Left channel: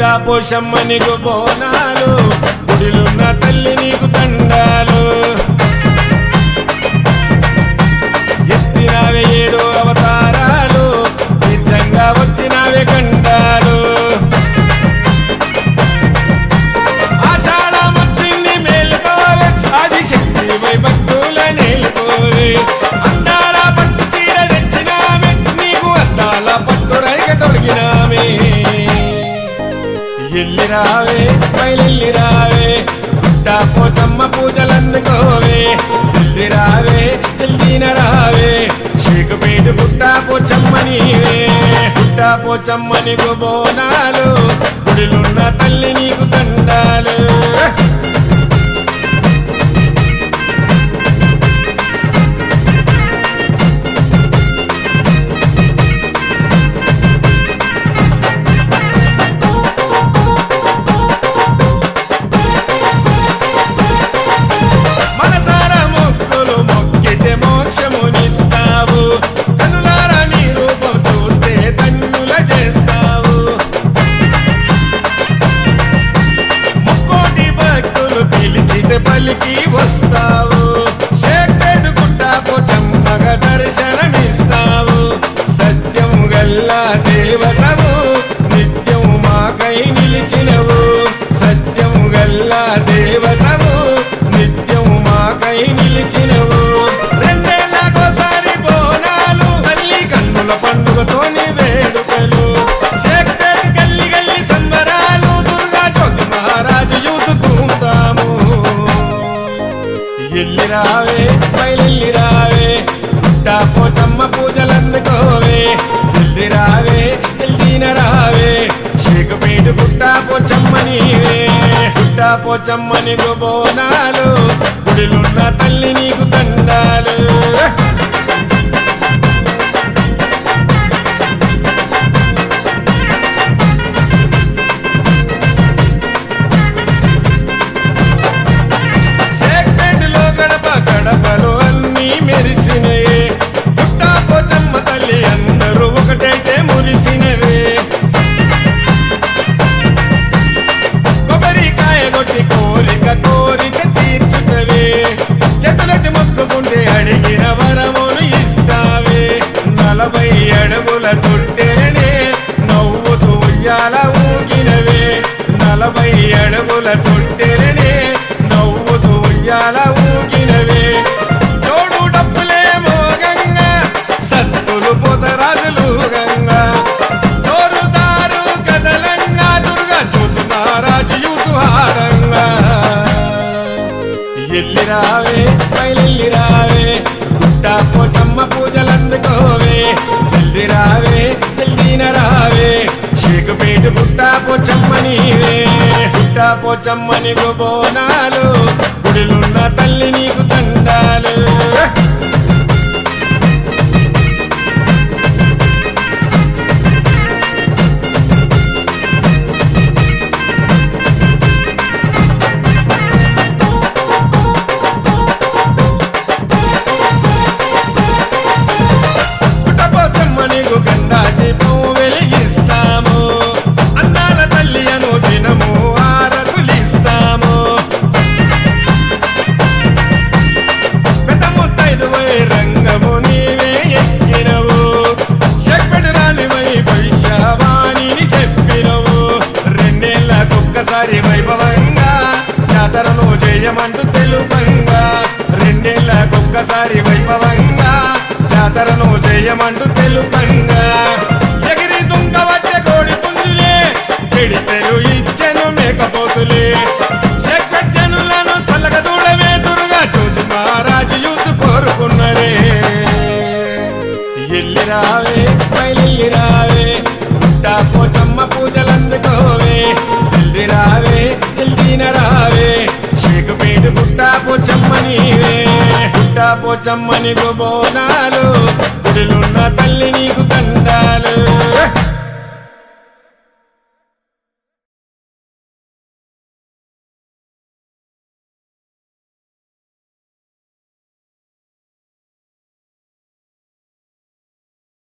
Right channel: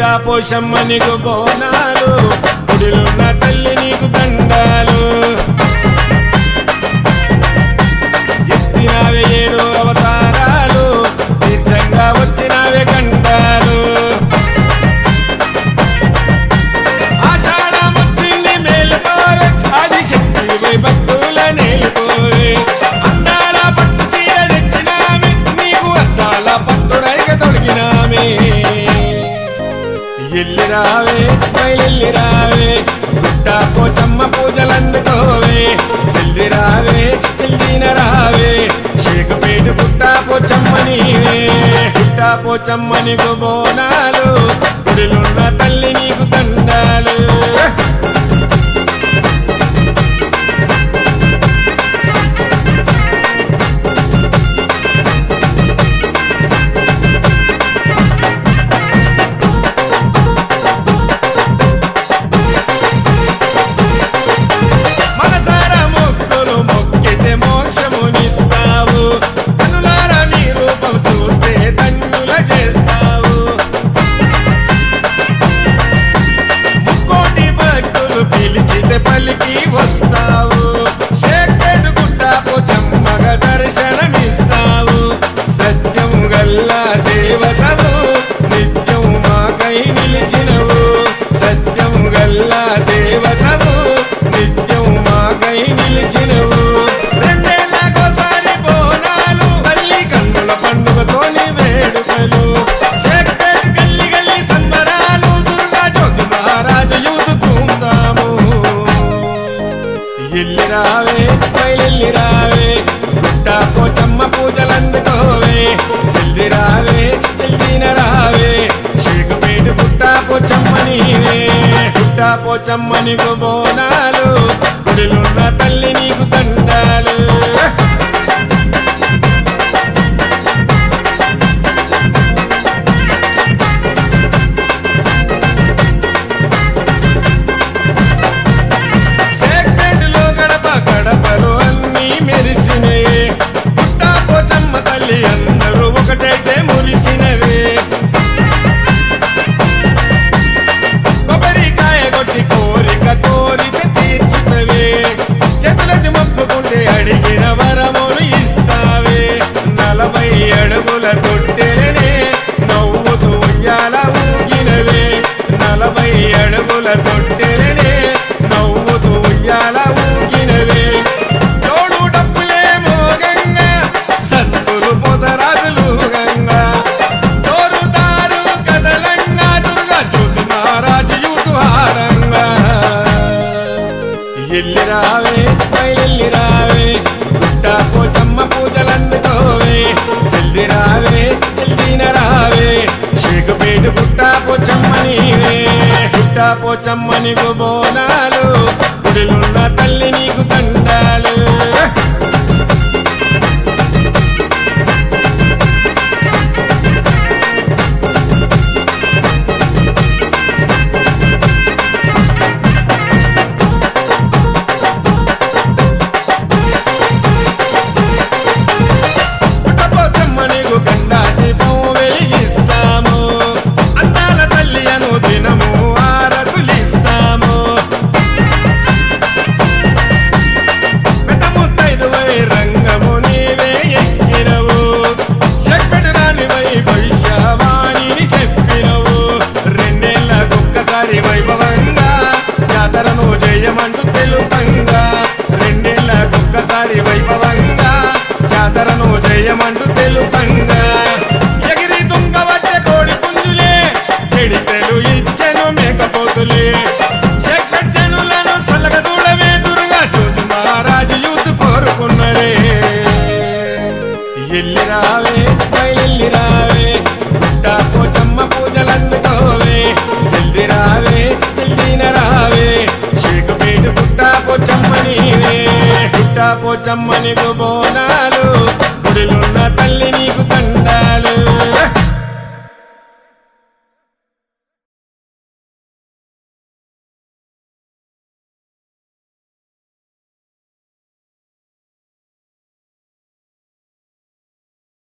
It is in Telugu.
గుట్టా పోషమ్మ నీకు బోనాలు, గుడిలున్న తల్లి నీకు దండాలు. ఎత్తినావే 7 అవతారాలు, తీర్చంగా వచ్చినావే గండాలు. ఆషాఢం వచ్చింది మేలుకోవే, ఆదిశక్తి వై భక్తుల నేలుకోవే. అందాల పట్టు చీర తెచ్చినామే, నీకు అద్దాల పట్టు రైగ తొడిగినామే. ఎల్లి రావే మైలెల్లి రావే, గుట్టా పోచమ్మ పూజలందుకోవే. జల్ది రావే జల్దీన రావే, షేకుపేట గుట్టా పోచమ్మ నీవే. గుట్టా పోచమ్మ నీకు బోనాలు, గుడిలున్న తల్లి నీకు దండాలు. మొక్కితే మోక్షమునిస్తావు, కనులారా నీ రూపం చూస్తే ధన్యుల చేస్తావు. ముక్కోటి భక్తులు పిలిచితే పలికి వస్తావు. షేక్పేట గుట్టా పోచమ్మగా దర్శనమిస్తావు. సత్యం గల్లా దేవతవు, నిత్యం మాకై నిలిచినవు. సత్యం గల్లా దేవతవు, నిత్యం మాకై నిలిచినవు. 2 ఏళ్ళకోసారి బోనాలు, తల్లి కన్నుల పండుగతోని వేడుకలు. షేక్పేట గల్లి గల్లి సంబరాలు, దుర్గా జ్యోతి మహారాజు యూత్ ధూమ్ధాము. ఎల్లి రావే మైలెల్లి రావే, గుట్టా పోచమ్మ పూజలందుకోవే. జల్ది రావే జల్దీన రావే, షేకుపేట గుట్టా పోచమ్మ నీవే. గుట్టా పోచమ్మ నీకు బోనాలు, గుడిలున్న తల్లి నీకు దండాలు. షేక్పేటలో గడప గడపలు అన్నీ మెరిసినయే. గుట్టా పోచమ్మ తల్లి అందరూ ఒకటైతే మురిసినవే. కొబ్బరికాయ కొట్టి కోరిక కోరితే తీర్చుతవే. చేతులెత్తి మొక్కుకుంటే అడిగిన వరమును ఇస్తావే. 40 అడుగుల తొట్టెలనే నవ్వుతూ ఉయ్యాల ఊగినవే. 40 అడుగుల తొట్టెలనే నవ్వుతూ ఉయ్యాల ఊగినవే. జోడు డప్పులే మోగంగా, సత్తులు పొదరాజులు గంగా. జోరుదారు కదలంగా, దుర్గా జ్యోతి మహారాజు యూతు ఆడంగా. ఎల్లి రావే మైలెల్లి రావే, గుట్టా పోచమ్మ పూజలందుకోవే. జల్ది రావే జల్దీన రావే, షేకుపేట గుట్టా పోచమ్మ నీవే. గుట్టా పోచమ్మ నీకు బోనాలు, గుడిలున్న తల్లి నీకు దండాలు. నీకు గండా దీపం వెలిగిస్తాము. అందాల తల్లి అను దినము ఆరతులిస్తాము. పెద్ద ముత్తైదువై రంగము నీవే ఎక్కినవు. షేక్పేట రాణివై భవిష్యవాణిని చెప్పినవు. 2 ఏళ్ళకొక్కసారి వైభవంగా జాతరను చేయమంటూ తెలుపంగా. 2 ఏళ్ళకొక్కసారి వైభవంగా జాతరను చేయమంటూ తెలుపంగా. ఎగిరి దుంగబట్టే కోడి పుంజులే, చెడితెలు ఇచ్చెను మేకపోతులే. షేక్పేట జనులను సలగదూడమే, దుర్గా జ్యోతి మహారాజు యూత్ కోరుకున్నరే. ఎల్లి రావే మైలెల్లి రావే, గుట్టా పోచమ్మ పూజలందుకోవే. జల్ది రావే జల్దీన రావే, షేకుపేట గుట్టా పోచమ్మ నీవే. గుట్టా పోచమ్మ నీకు బోనాలు, గుడిలున్న తల్లి నీకు దండాలు.